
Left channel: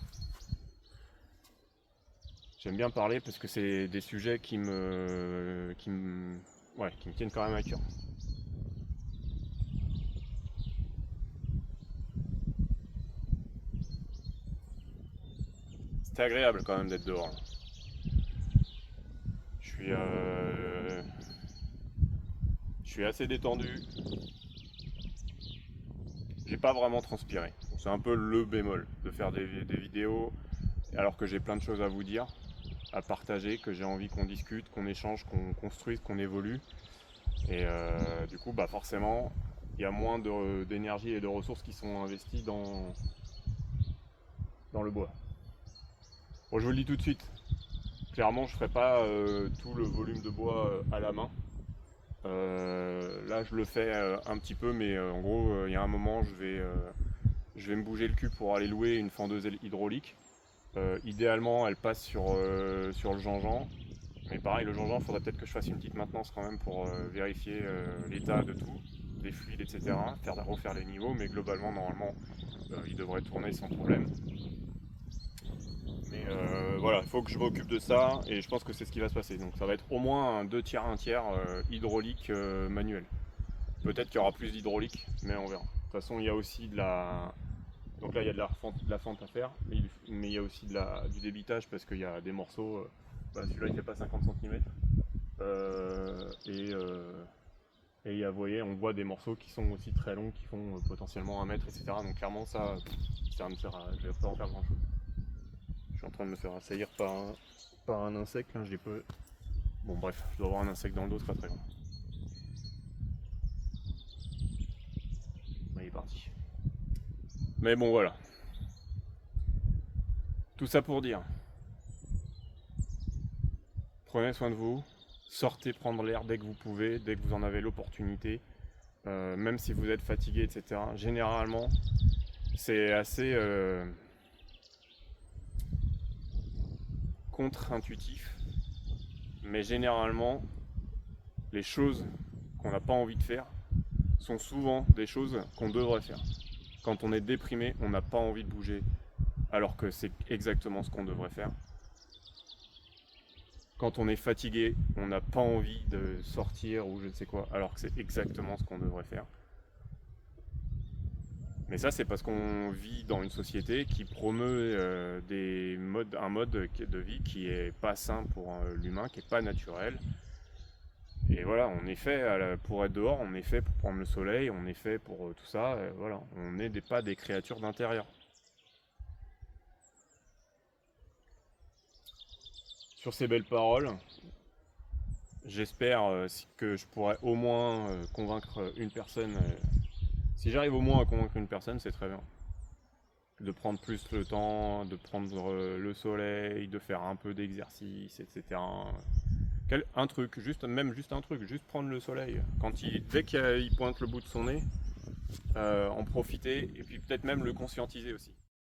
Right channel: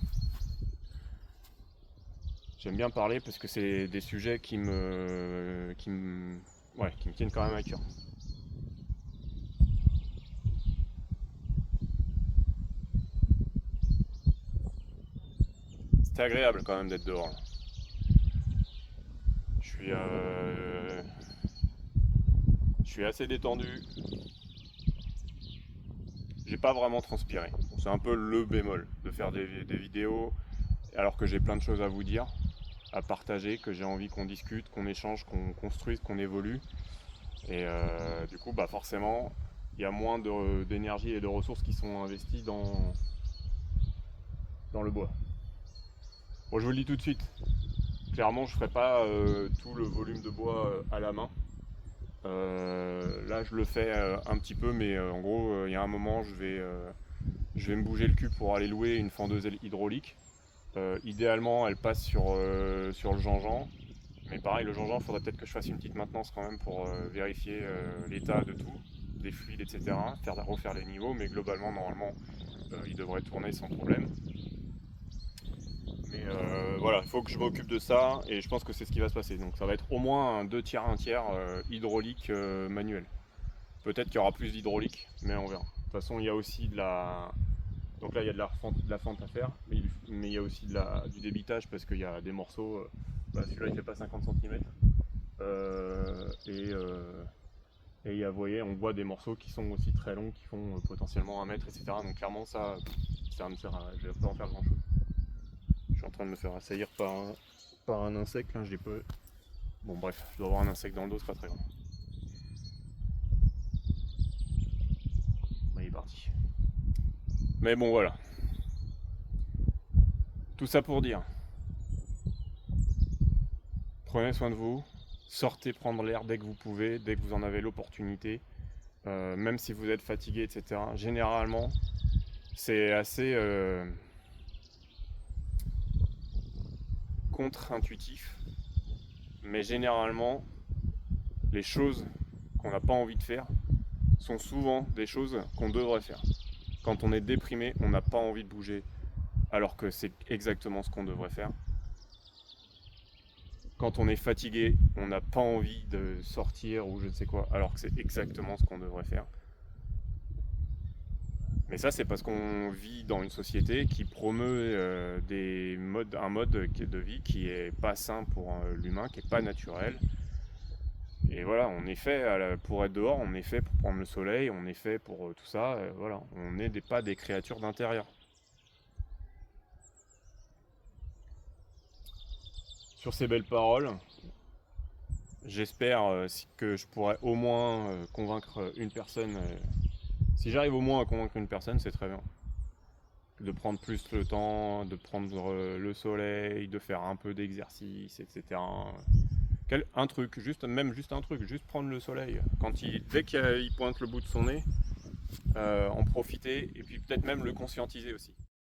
J'aime bien parler parce que c'est des sujets qui me tiennent quand même à cœur. C'était agréable quand même d'être dehors. Je suis assez détendu. J'ai pas vraiment transpiré. C'est un peu le bémol de faire des vidéos alors que j'ai plein de choses à vous dire, à partager, que j'ai envie qu'on discute, qu'on échange, qu'on construise, qu'on évolue. Et du coup, forcément, il y a moins d'énergie et de ressources qui sont investies dans le bois. Bon, je vous le dis tout de suite, clairement, je ne ferai pas tout le volume de bois à la main. Là, je le fais un petit peu, mais en gros, il y a un moment, je vais me bouger le cul pour aller louer une fendeuse hydraulique. Idéalement, elle passe sur le Jean-Jean. Mais pareil, le Jean-Jean, il faudrait peut-être que je fasse une petite maintenance quand même pour vérifier l'état de tout, des fluides, etc. Refaire les niveaux, mais globalement, normalement, il devrait tourner sans problème. Mais voilà, il faut que je m'occupe de ça et je pense que c'est ce qui va se passer. Donc ça va être au moins un 2 tiers, 1 tiers hydraulique manuel. Peut-être qu'il y aura plus d'hydraulique, mais on verra. De toute façon, il y a aussi de la. Donc là, il y a de la fente à faire, mais il y a aussi du débitage parce qu'il y a des morceaux. Celui-là, il fait pas 50 cm. Et vous voyez, on voit des morceaux qui sont aussi très longs, qui font potentiellement 1 mètre, etc. Donc clairement, ça me sert je vais pas en faire grand chose. Je suis en train de me faire assaillir par un insecte, là, j'ai peu. Bon bref, je dois avoir un insecte dans le dos, c'est pas très grave. Il est parti. Mais bon voilà. Tout ça pour dire. Prenez soin de vous, sortez prendre l'air dès que vous pouvez, dès que vous en avez l'opportunité, même si vous êtes fatigué, etc. Généralement, c'est assez contre-intuitif, mais généralement, les choses qu'on n'a pas envie de faire sont souvent des choses qu'on devrait faire. Quand on est déprimé, on n'a pas envie de bouger, alors que c'est exactement ce qu'on devrait faire. Quand on est fatigué, on n'a pas envie de sortir ou je ne sais quoi, alors que c'est exactement ce qu'on devrait faire. Mais ça, c'est parce qu'on vit dans une société qui promeut un mode de vie qui est pas sain pour l'humain, qui est pas naturel. Et voilà, on est fait pour être dehors, on est fait pour prendre le soleil, on est fait pour tout ça. Voilà, on n'est pas des créatures d'intérieur. Sur ces belles paroles, j'espère que je pourrai au moins convaincre une personne. Si j'arrive au moins à convaincre une personne, c'est très bien. De prendre plus le temps, de prendre le soleil, de faire un peu d'exercice, etc. Un truc, même juste un truc, juste prendre le soleil. Dès qu'il pointe le bout de son nez, en profiter et puis peut-être même le conscientiser aussi.